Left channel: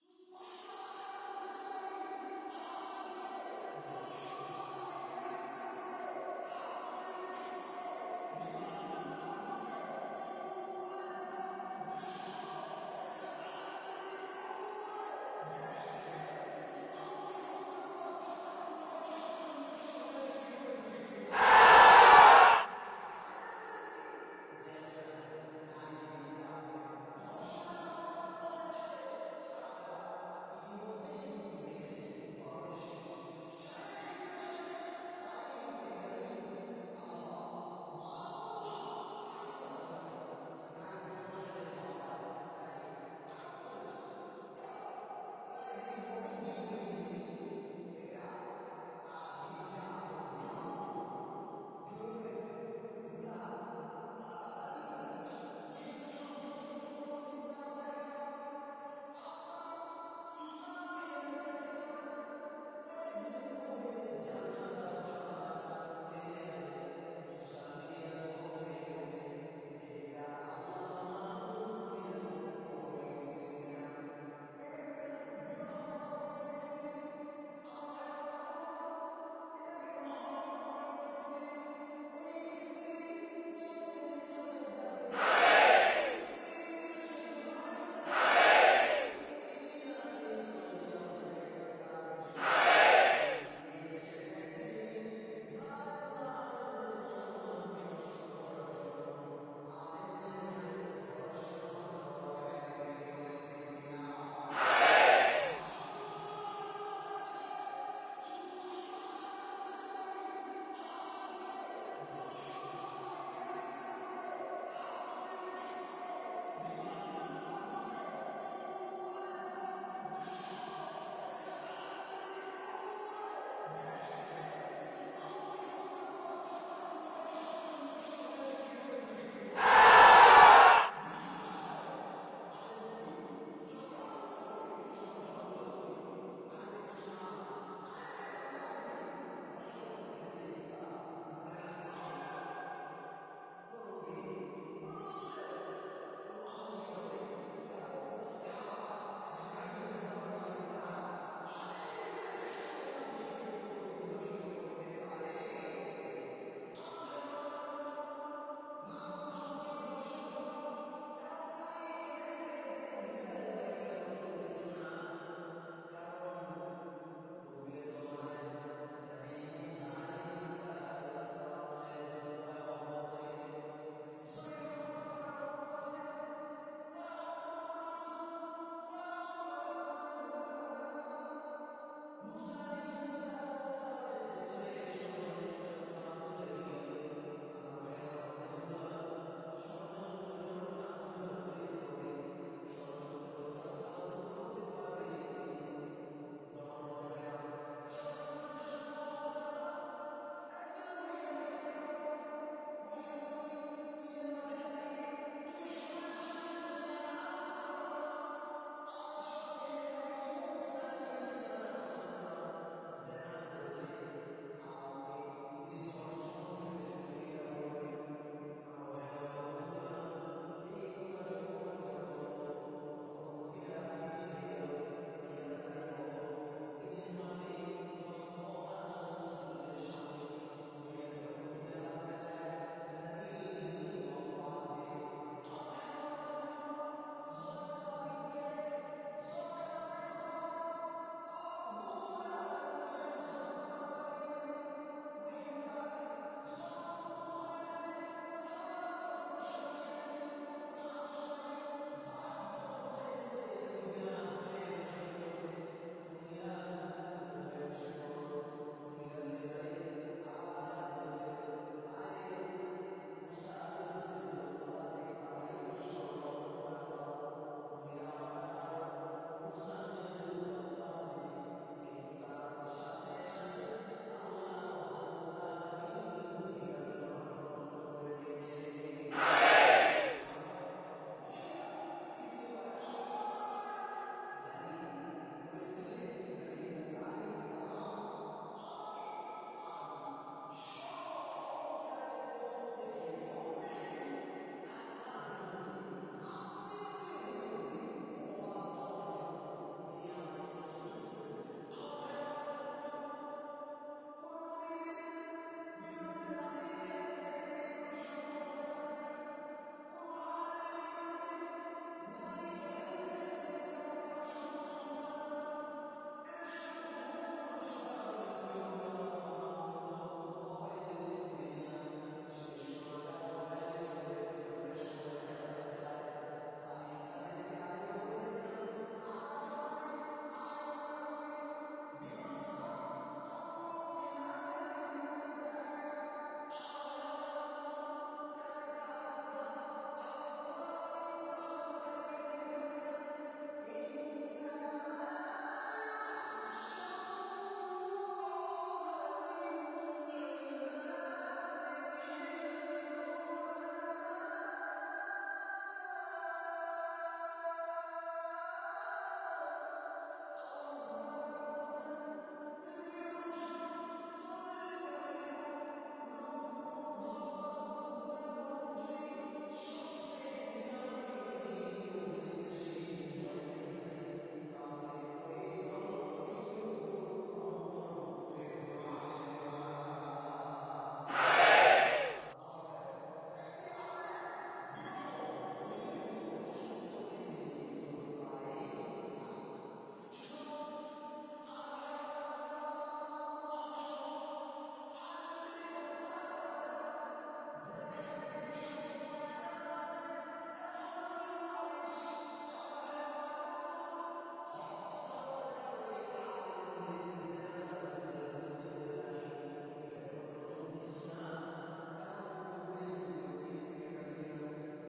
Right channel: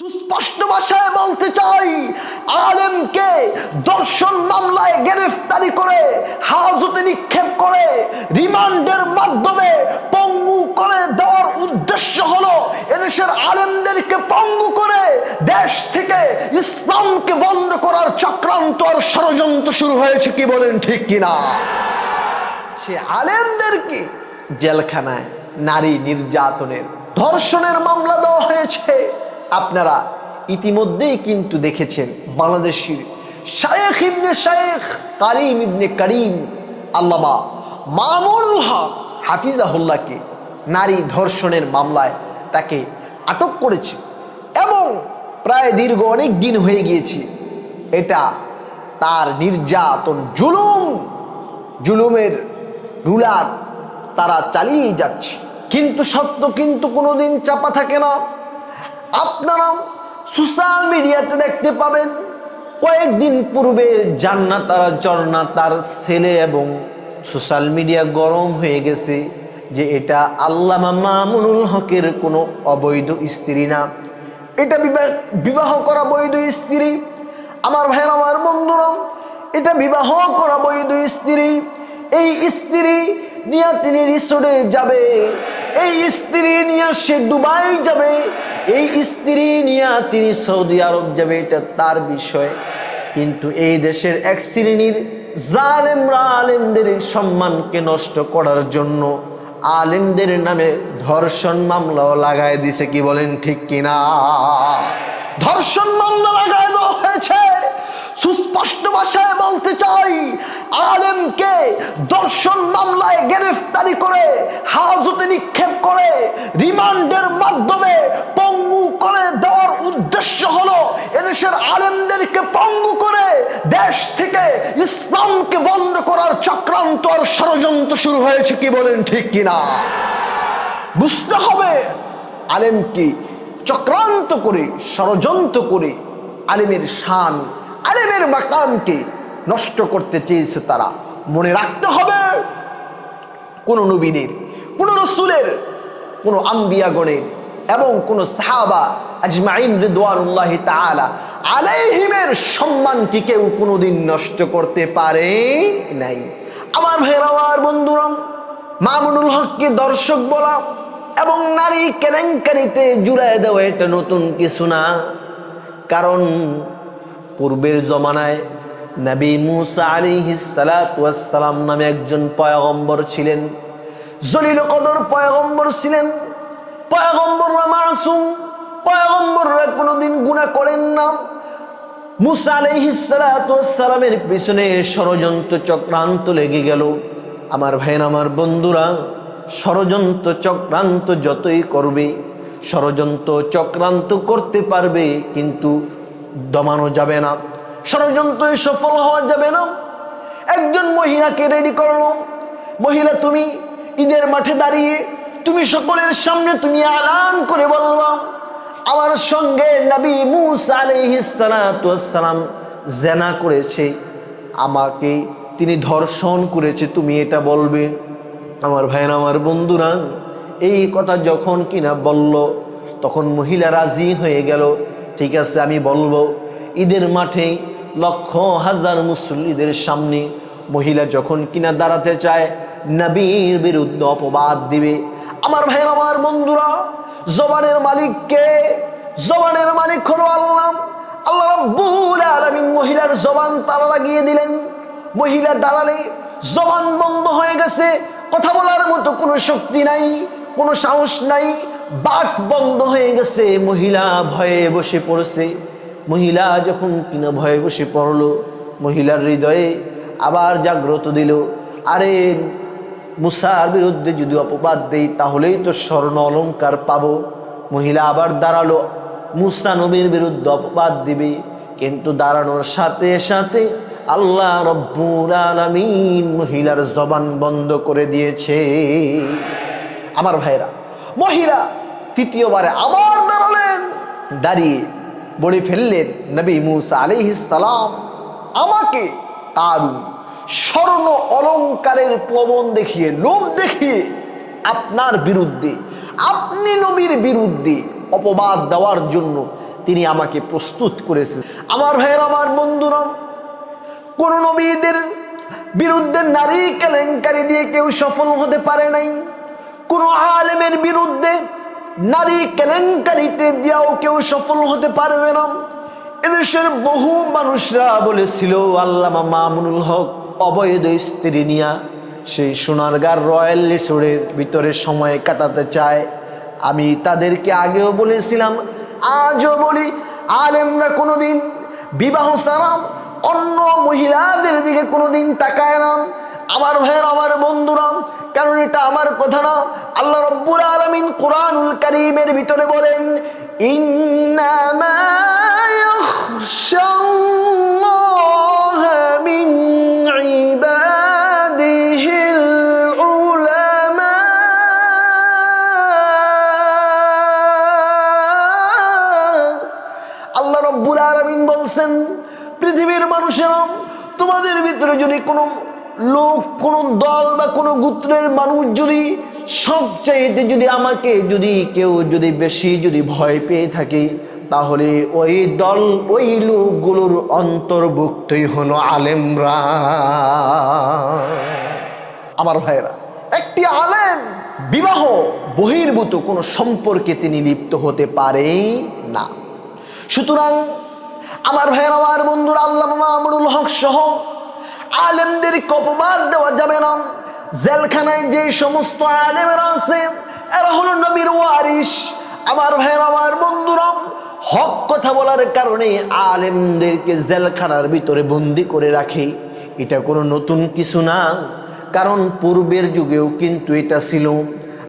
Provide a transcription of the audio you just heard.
সুস্পষ্ট ভাষায় বলতে চাই, আলেমকে দর্শন মামলায় গ্রেফতারি করে হাজতে নিক্ষেপ করে রিমান্ডের মাধ্যমে পঙ্গু করে দেওয়ার উদ্দেশ্য হলো এদেশের আলেমদেরকে পঙ্গু করে দেশ থেকে ইসলামকে বন্ধ করার চক্রান্ত আর ষড়যন্ত্র শুরু হয়েছে। কি বলেন ঠিক কিনা? সে আলেমদেরকে জেলখানায় নারী নির্যাতনের, ধর্ষণের মামলা দেওয়া হয়েছে। আপনারা ইতিমধ্যেই কিন্তু দেখেছেন বাংলাদেশের শায়েখ ইবনে শায়েখ কারিম ইবনে কারিম আল্লামা মামুনুল হক হাফিজাহুল্লাহকে নারী ধর্ষণের মামলায় তাকে আটক করেছে এবং প্রায় দীর্ঘ অনেক দিন হয়ে গিয়েছে এটা তার নির্যাতন, জুলুমের রুলার তারা চালিয়ে যাচ্ছে। কিন্তু সত্য কিন্তু কোনোদিন চাপা থাকে না। আপনারা সোশ্যাল মিডিয়াতে দেখতে পাবেন কয়েকদিন পূর্বে জান্নাত আর ঝর্ণা তার ছেলে এবং সোশ্যাল মিডিয়া গরম হয়ে গেছে যে এটা আল্লামা মামুনুল হকের কোনো অবৈধ স্ত্রী না, এটা বিবাহ করা বৈধ স্ত্রী। আমার ভাইয়ের, আমার বন্ধুরা, এটা বিবাহ করা বৈধ স্ত্রী। এই স্ত্রী নিয়ে তিনি রিসোর্টে যাবে, এই স্ত্রী নিয়ে সে দুবাই যাবে, এই স্ত্রী নিয়ে তিনি সৌদি আরব যাবে, এটা তার বিষয়। কিন্তু এই দেশের এক শ্রেণীর জালেমরা আলেমদের সম্মানকে নষ্ট করার জন্য আলেমদের নামে ধর্ষণ মামলাও লাগায় দিছে। কি বলেন ঠিক কিনা? ধর্ষণ মামলা লাগায় দেওয়া হয়েছে। সুস্পষ্ট ভাষায় বলতে চাই, আলেমকে দর্শন মামলায় গ্রেফতারি করে হাজতে নিক্ষেপ করে রিমান্ডের মাধ্যমে পঙ্গু করে দেওয়ার উদ্দেশ্য হলো এদেশের আলেমদেরকে পঙ্গু করে দেশ থেকে ইসলামকে বন্ধ করার চক্রান্ত আর ষড়যন্ত্র শুরু হয়েছে। কি বলেন ঠিক কিনা? বুঝতে হবে, আলেমকে চক্রান্ত করে, ষড়যন্ত্র করে আলেমের শান, আলেমের মাকামকে নষ্ট করতে চেয়েছে তারা। মনে রাখতে হবে, কোন নবীদের, কোন রসুলের, কোন আম্বিয়াগণের এবং কোন সাহাবা আজমাইন রিদওয়ানুল্লাহি তাআলা আলাইহিমের সম্মানকে কেউ কোনোদিন নষ্ট করতে পারে নাই। আমার ভাইয়েরা, আমার বন্ধুরা, মামুনুল হককে দর্শক বলা এবং নারী কেলেঙ্কারিতে জুড়ায় দেওয়া এটা নতুন কিছু না। কারণ পূর্বের জমানায় নবী মুসা আলাইহিস সালাতু ওয়াস সালাম নামে একজন পয়গম্বর ছিলেন, জলিল কদর পয়গম্বর ছিলেন। পয়গম্বররা মাসুম, পয়গম্বররা কোনোদিন গুনাহ করেন না। মুসা আলাইহিস সালাতু ওয়াস সালামের পিছনে ষড়যন্ত্র চক্রান্ত লেগে গেল। আমার ভাইয়েরা, আমার বন্ধুরা, ষড়যন্ত্র চক্রান্ত যতই করবে, ষড়যন্ত্র চক্রান্ত করতে পারবে কিন্তু দমানো যাবে না, ষড়যন্ত্রে সফল হওয়া যাবে না। একজন মহিলাকে রেডি করলো, মহিলা তুমি ঈদের মাঠে দাঁড়িয়ে তুমি সকলের সামনে তুমি এলান করে বলবা আমার সঙ্গে নবী মুসা আলাইহিস সালাতু ওয়াস সালাম জিনা করেছে, আমাকে তিনি ধর্ষণ করেছে, তুমি এটা বলবে। আমার ভাইরা, আমার বন্ধুরা, এই কথা যখন কিনা বলল তখন মহিলা রাজি হয়ে গেল, ঠিক আছে আমি বলবো। ঈদের মাঠে লক্ষ হাজার মুসল্লিদের সামনে মহিলা যখন কিনা দাঁড়াতে চায়, নবীর বিরুদ্ধে অপবাদ দিবে। আমার ভাইরা, আমার বন্ধুরা, জবানের মালিক কে? জবানের মালিক হলো আল্লাহ। আল্লাহ রাব্বুল আলামিন মহিলার জবান তালা লাগিয়ে দিলেন। মহিলা দাঁড়ালে জবান বন্ধ হয়ে গেছে, কথা বলার মতো কোনো শক্তি নাই, কোনো সাহস নাই, বাক বন্ধ হয়ে গেছে। মহিলা ভয়ে বসে পড়েছে। মহিলা যখন কিনা ভয়ে বসে পড়লো, মহিলার হৃদয়ে আবার জাগ্রত দিল, আরে মুসার বিরুদ্ধে যদি অপবাদ দেই তাহলেই তো স্বর্ণ অলংকার পাবো। মহিলা আবার দাঁড়ালো, মুসা নবীর বিরুদ্ধে অপবাদ দিবে, কিন্তু দাঁড়ানোর সাথে সাথে আল্লাহ রব্বুল আলামিন মহিলার জবান বন্ধ করে দিয়েছে। আমার ভাইরা, মহিলা তৃতীয়বারে আবার দাঁড়ালেন, দাঁড়িয়ে বলে ফেললেন, নবী মুসা আলাইহিস সালাম আমাকে তার স্বর্ণ অলংকারের প্রলোভন দেখিয়ে, লোভ দেখিয়ে আপনার বিরুদ্ধে, আপনি নবীর বিরুদ্ধে অপবাদ দেওয়ার জন্য তিনি আমাকে প্রস্তুত করেছেন। আমার ভাইয়ের, আমার বন্ধুরা, কোন নবীদের বিরুদ্ধে নারী কেলেঙ্কারি দিয়ে কেউ সফল হতে পারে নাই। কোন আলেমের বিরুদ্ধে নারী কেলেঙ্কারিতে দিয়েও কেউ সফল হতে পারবে না। এদেশের বহু মানুষরা বলেছিল আল্লামা মামুনুল হক অবৈধ স্ত্রী নিয়া সেই সোনারগাঁর রয়্যাল রিসোর্টের ভিতরে সময় কাটাতে চায়। আমি তাদেরকে আগেও বলেছিলাম, আজও বলি, আলেমরা কোনোদিন বিবাহ ছাড়া অন্য মহিলাদের দিকে কোনোদিন তাকায় না। আমার ভাইয়ের, আমার বন্ধুরা, কারণ এটা আমার কথা না, আল্লাহ রাব্বুল আলামিন কোরআনুল কারীমের ভিতরে বলেন, ইন্নামা ইয়াখশাল্লাহা মিন ইবাদিহিল উলামা। আল্লাহ রাব্বুল আলামিন বলছেন, পৃথিবীর মানুষেরা, তোমাদের ভিতরে যদি কোনো লোক, কোন দল বা কোন গোত্রের মানুষ যদি সবচাইতে যদি আমাকে যদি কেউ যদি বেশি যদি ভয় পেয়ে থাকে, তাহলে ওই দল, ওই লোকগুলোর অন্তর্ভুক্তই হলো আলেমরা। আমার ভাইরা, একটি আলেম বিবাহ বহির্ভূত কোনো সম্পর্কে তিনি লিপ্ত হতে পারে না। সুতরাং আমার ভাইয়ের, আমার বন্ধুরা, আল্লামা মামুনুল হক সহ আলেমদেরকে অপবাদ দেওয়া যাবে না। জেলখানায় যে সমস্ত আলেমেরা আছে, এরা হলো নবীর ওয়ারিস। আমার ভাইয়ের, আমার বন্ধুরা, হক কথা বলার কারণে আলেমদেরকে জেলখানার ভিতরে বন্দি করে রাখে, এটা কোনো নতুন কিছু না। কারণ পূর্বের যুগেও কিন্তু এটা ছিল।